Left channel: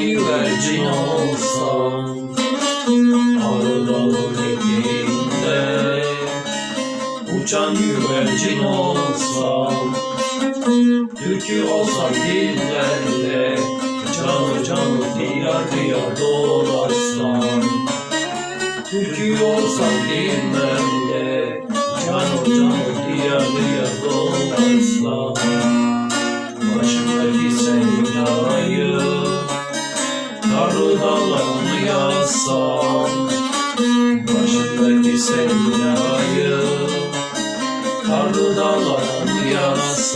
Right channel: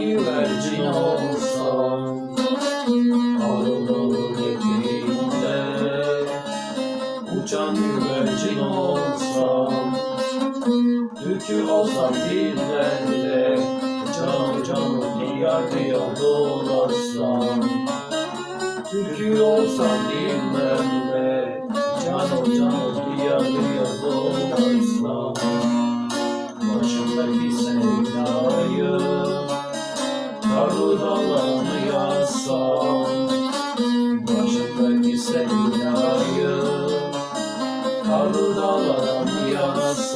güvercin olsam Arıların eteğinde Uçan güvercin olsam Türkü olsam dillerde Canı canı diyar diyar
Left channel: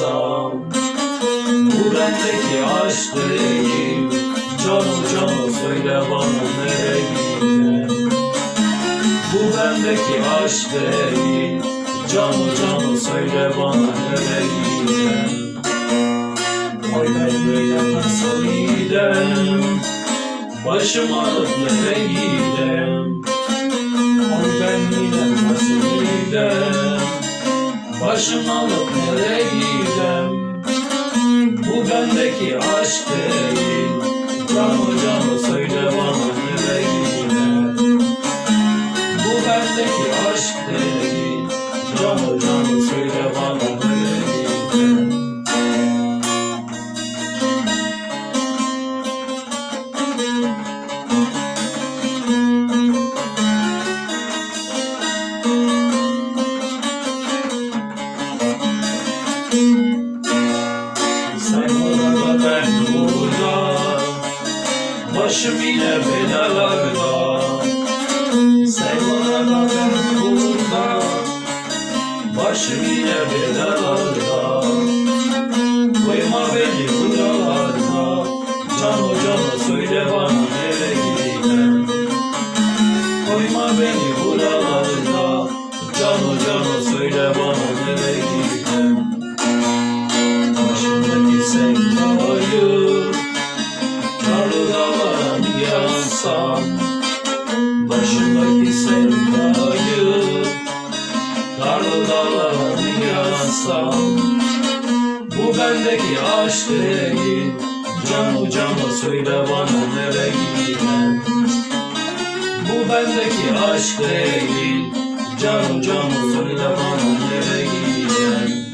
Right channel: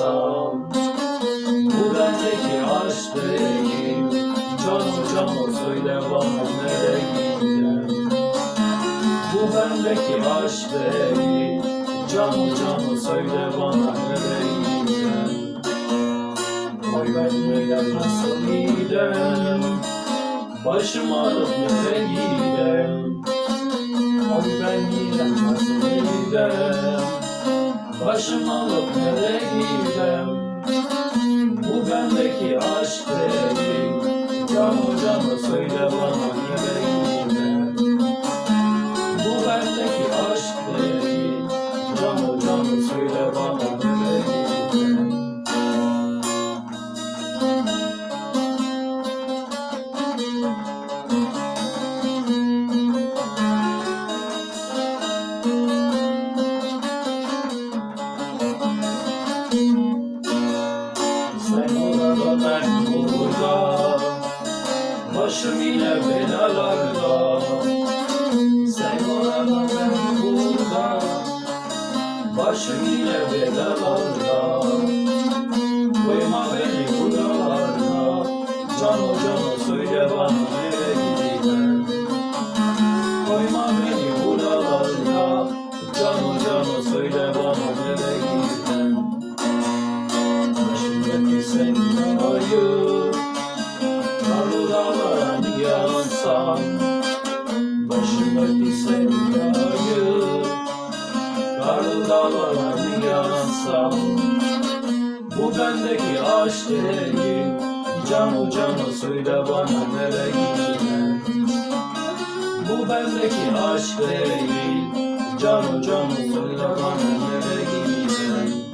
yazsam Bu bendeki aşk değil Canu canu söyle bana nereye gideceğim Bu bendeki aşk değil Canu canu söyle bana nereye gideceğim Oy ben gidem nasıl gidem Başım alıp nereye gidem Oy ben gidem nasıl gidem Başım alıp nereye gidem Bu bendeki aşk değil. Canı canı söyle bana nereye gidem Bu bendeki aşk değil. Canı canı söyle bana Başım yine belalarda. Sen ben burada Başım yine belalarda. Koyma beni buralarda. Cano cano söyle bana nereye gideyim? Koyma beni buralarda. Cano cano söyle bana bendeki aşk değil Canu canu söyle bana nereye gideyim Bu bendeki aşk değil. Canu canu söyle bana nereye gideyim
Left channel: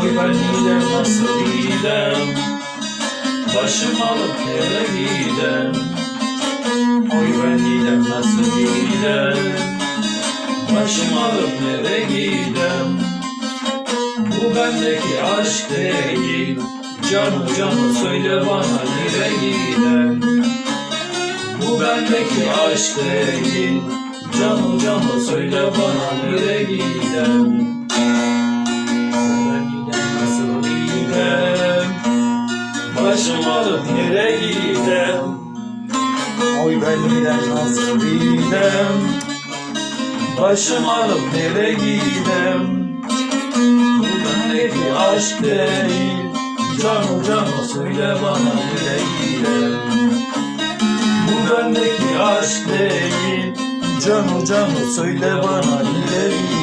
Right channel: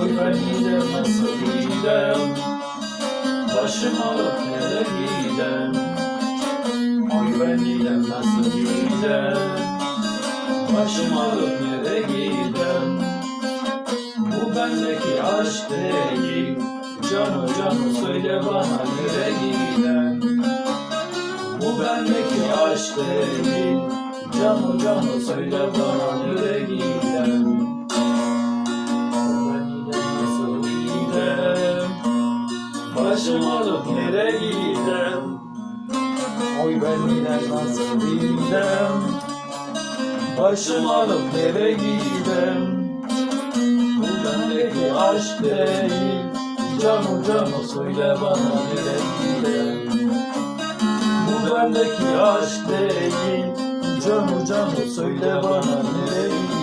Oy ben gidem nasıl gidem Başım alıp nereye gidem. Oy ben gidem nasıl gidem Başım alıp nereye gidem Canı canı söyle bana nereye gidem Bu bendeki aşk değil Canı canı söyle bana nereye gidem Başım alıp nereye gidem Oy ben gidem nasıl gidem Başım alıp nereye gidem Bu bendeki aşk değil Canı canı söyle bana nereye Bu bendeki aşk değil. Canı canı söyle bana nereye